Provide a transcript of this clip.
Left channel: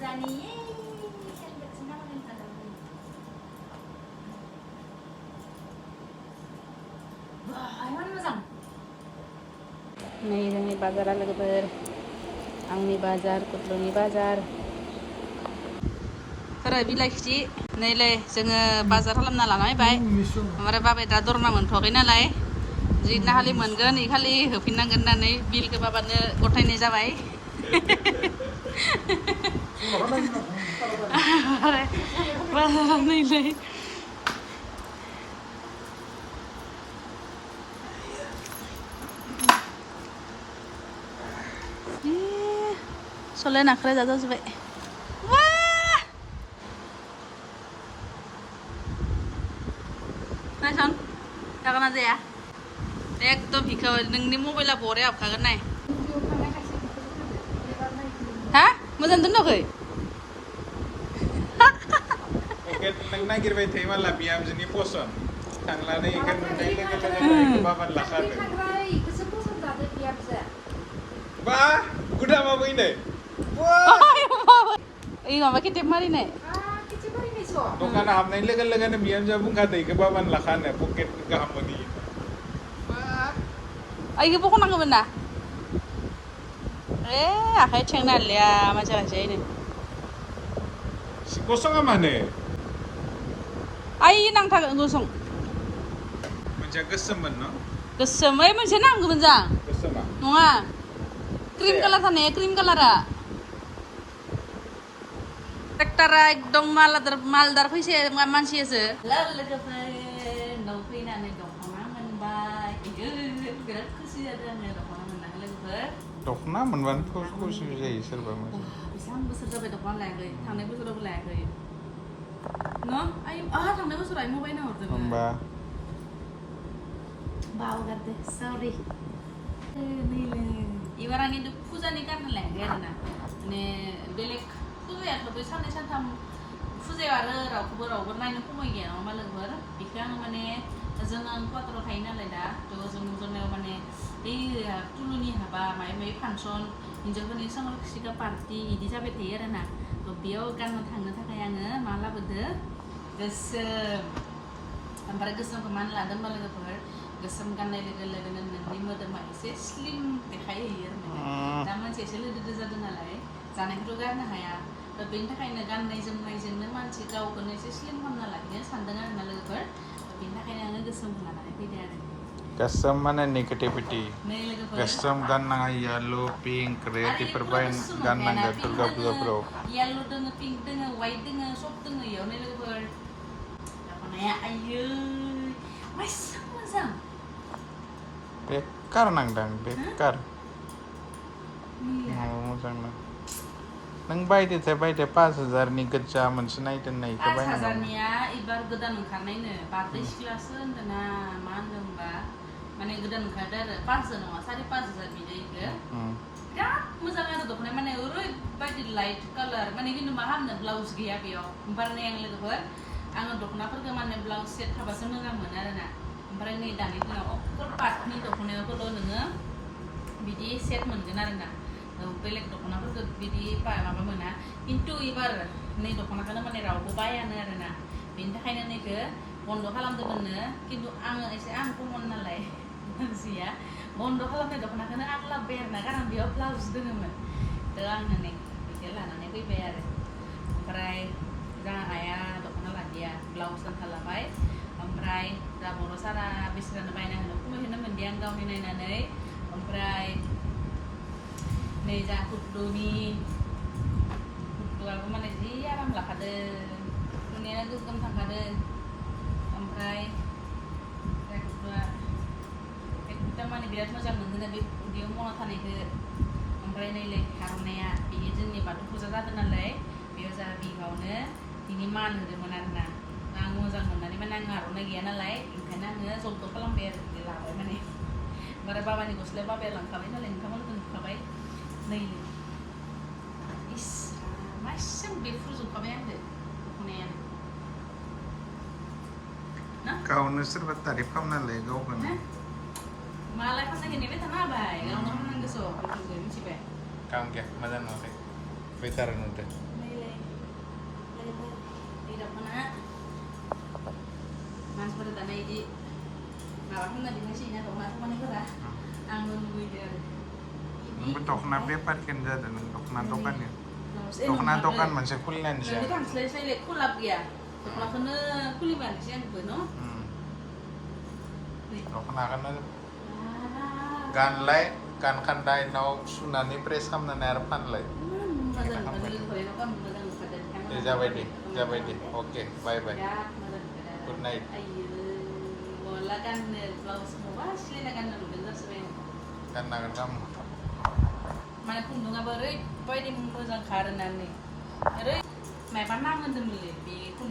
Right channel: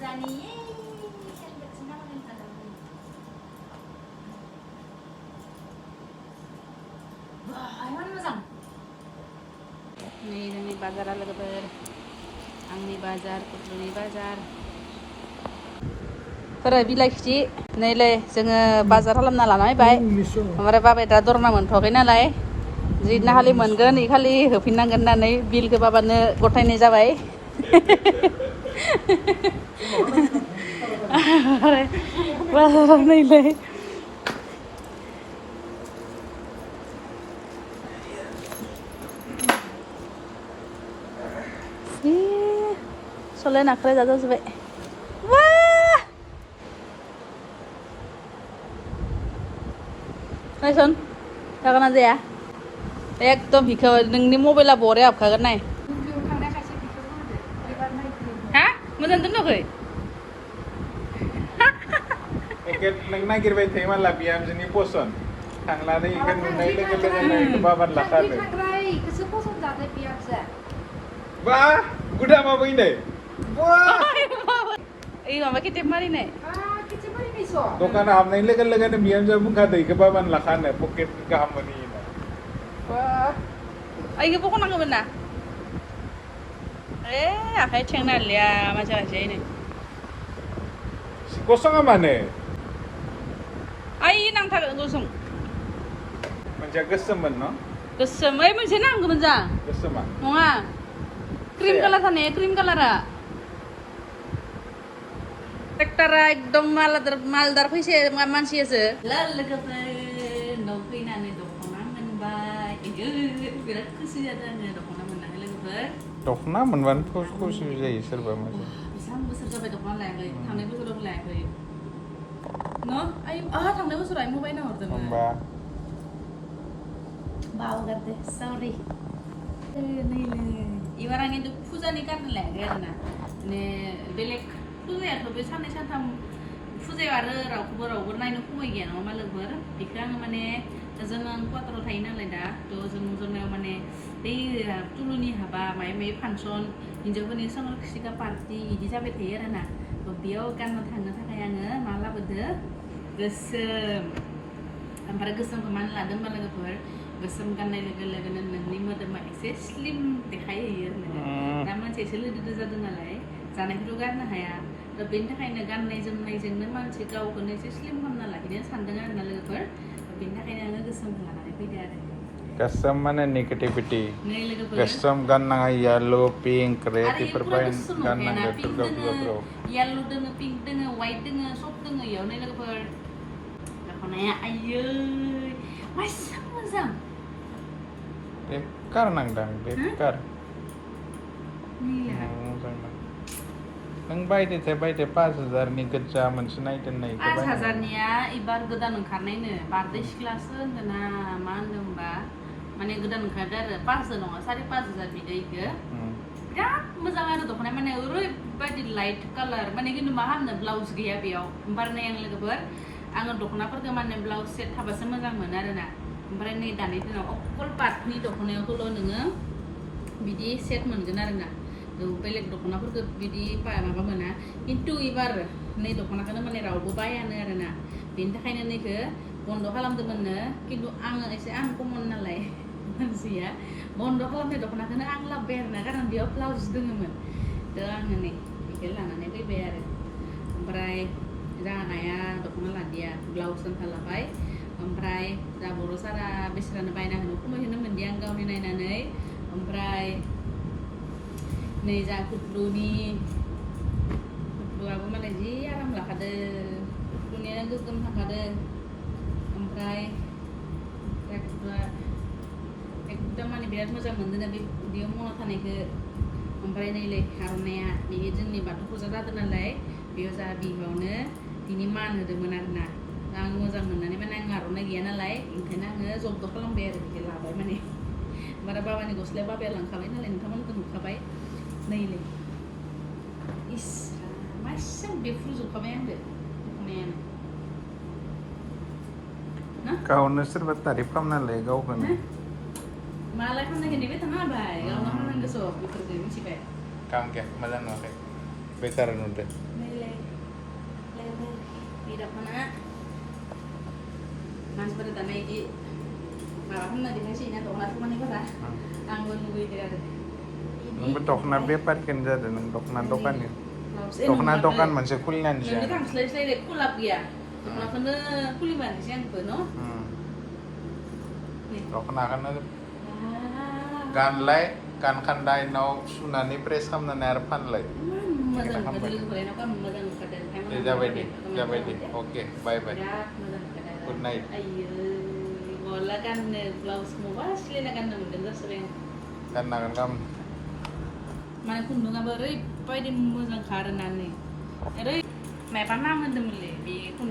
फुजानि सेलिब्रेसन खालामनो थादोंमोन बाहायमान मोजां नै जोंनि बाजारा लोगोफोर आंनि बाजार कुटलुनि बाजार फोरो बिलाइ खिथि नैलै जोङो बाजार खालामना लाना फैबाय ओमफ्राय बाबाया दा दरना मोनथ'वाखै नालाय जिदिना खालि मोनगोन इ खालि होफिननांगोन होननानै बिलखौ बाबानो गथायनाय जाबाय बाजारा नैलै सले नाख्राय जाजाजोब्बाय नायसन जागोन ना जाया एकदम बिखौ नोंनि मबाइला बरिया हाबखागोन नाय हा मोजां दोननाखै नों नागिरबाय थायो माला बिहामजोनि पसन थांनानै इखौ नुनाय लोगो लोगोनो बाबान लाखादो बा गुदामा बैनो ओइ माबा केटेप मारिनाय दखाना हाबनाय लोगो लोगोनो बिहामजोआ बुंखादो इखौ बाबान लाखानो पकेट गाहाम मोनि ओइखौ बख'नांगौमोन ना ए आखाइ थेंना लिया मानसि खायसे गसङा मानो आइ नांथारगोन गुसुं मोनसेया गोसोममोन न गोसोम ओइ मोनसे नांगौमोन जा गोसोमा नङा क्रिम कालार थानाया क्रिम कालारा ट्रेक्टरा एकदम मालदार फैसे मानसियासो लोगोफोर न'आव फैनानै दख'ना मोनबाय बिराद खुसि जादों आङो दख'ना मोननानै लोगोफोर दख'ना मोनबानो खुसि जायो सोरबा मोजां बेसेबां बोसोर जाबाय दख'ना लायाखै थांनाय बोसोरावबो लायाखै न' आइ थांनाय बोसोराव आइ मबाइल हरदोंमोन बावगारदो सरि नैलै एबार आं खिन्थु फुजानि गाननो लायाखै आरोना माने बेलेग फुजायाथ' बे साननै सानथाम फुजायाव आरो रावबो नायनो खमाय गैया नङा मा लोगोफोर बेखौ आङो माने जों आं क'क्राझाराव थायो नालाय दा थ' जोंनियाव माने बै तुलुनि हाबा माबा माबि फांसन हिन्जावफोरनि संरक्षिका पार्टि बिदि जाबाय थायो आरोना थ' बेयाव गाननो थांनो थाखाय आङो मा लाबोदो गोसोम ओमफ्राय गोसोमखौ मानो लादों होनबा लोगोफोर गोसोम गाननाय लोगो लोगोनो नोंनि मोदोमा एसे स्लिम देखायहैयो आरो दा मानसि एसे लोदोदो जादों नालाय जानायखौथ' गारनो हाया थ' बेनि थाखायनो गाननाय जोमनायजोंनो मानसि गावखौनो एसे स्लिम खालामना लाखिनो सानदों आरोना लोगोफोर बेनि थाखायनो आङो गोसोमखौ लानानै फैदो आरो गोसोम माने नेगेटिभिटी नै लोगोफोर गोसोम गाननाङा येलो पिंक रेड बेफोर गाननांगौ दुर्गा फुजाफोराव येल्ल' दोङो पिंक दोङो वाइट दोङो सब दोङो इयाव नै लोगोफोर दख'नाया आयै मायसा मोजां बेकार नांदां बेकार मोजां नां नों बायदो 5,000नि गोजा मोनसे नायदों 5,000निया एबार गोदान ओंखारनायनो बारदै सिख्लासो होनदोंना मा होनदों होनबा माने गोदान ओंखारदो आरो 5,000 नङा 5,500 बिदैखो बिराद मोजां आरो दख'नाया माने ओरैबायदि लाइट कालार माने खिन्थु मा खालामनो ब्लाउस गैया बेयाव ओमफ्राय आं लोगोफोर आङो दख'नाफोरखौ माने ब्लाउस सेट थाबासो मोजां मोनो आरोना ओमफ्राय नै दानि दिनाव अकल पाटनि दख'नायावल' नोङो बिदि सेट मोनगोन आरोना बेलेग दख'नाफोरखौ बिदि माबा मोना खिन्थु एबार नै दख'नाखौनो माने रावबो बायानो आरोना बेनि थाखायनो नैखौ बन्द' खालामदोंमोननो खिन्थु आङो एसे आनकमन नालाय मानसिया बन्द' खालामनाय दख'नाखौनो आं लाबोबाय आरोना खारन बेयाव ब्लाउस दङमोन थ' आङो नै बेखौ लानानै फैबाय आरो ओमफ्राय जोंहा आइया दख'ना लादिया ब्लाउस आन्था लाबाय ओमफ्राय जा बर' सारा बिसोरानो बायना होनो खमायहोनो मोनदि आं गावनि नायनानै ओमफ्राय नै जा कुटलुआबो मालाय जि आराम लाखादो कुटलुनिया गोगोम थाखादो ओमफ्राय कुटलुआ एकदम माने बिराद मोजां मोनदों बे बेयाव मना थानायखौ ओमफ्राय नैलै आर'नाइया बेयो जोंनि बाथौ फुजा जादों नालाय बेयाव जा बिहावनो बिनि मान होदोंमोन आरोना आं मोजां मोननानै माने आं आर'नाइ गैया नालाय ओंखायनो आङो जब्द खालामबाय आरो बिदि लाबाय माने ओमफ्राय बाबानि गस्लाया बाबाया लांखाबाय नालाय नोंथांमोनखौ नुखाबाय नैलै इस मासेबां बेफ्रुजोबखाबाय आंखौ दख'नायानो गावनो सोरबा तारिफ खालामना लायो गावखौनो मालाय खालामनायखौ नेबाय थाङा बाय गावनो खालामनांगोसो बेफोरखौ मिथिबाय काम गैया मोजां नुवाखै बेकार नुदों नै Di dapurnya Mas pada tanah ini bawa kan di nasinya tuh langsung mana pernah anggun gue dia Nung dokna bepar kan jadi nung dokna dokan ya. Dokna dokan masih kulinan ini siya. kan selesai kulap ya kalau kena kuliman sih yang penuh nih Dokna kan na gan lay kan kandai no sunani pres ham na nerpan lay. mazan mazan itu kalau kan mazan kadang Jabay di. Okay, bye bye. ya mazan Good night. ayo wala kan blouse mo ba sila na kan dengar sering Kan na kan kam. mana pun dunga beri pwede mo sang karenan nih. Jadi, may panahon din muli, bi kung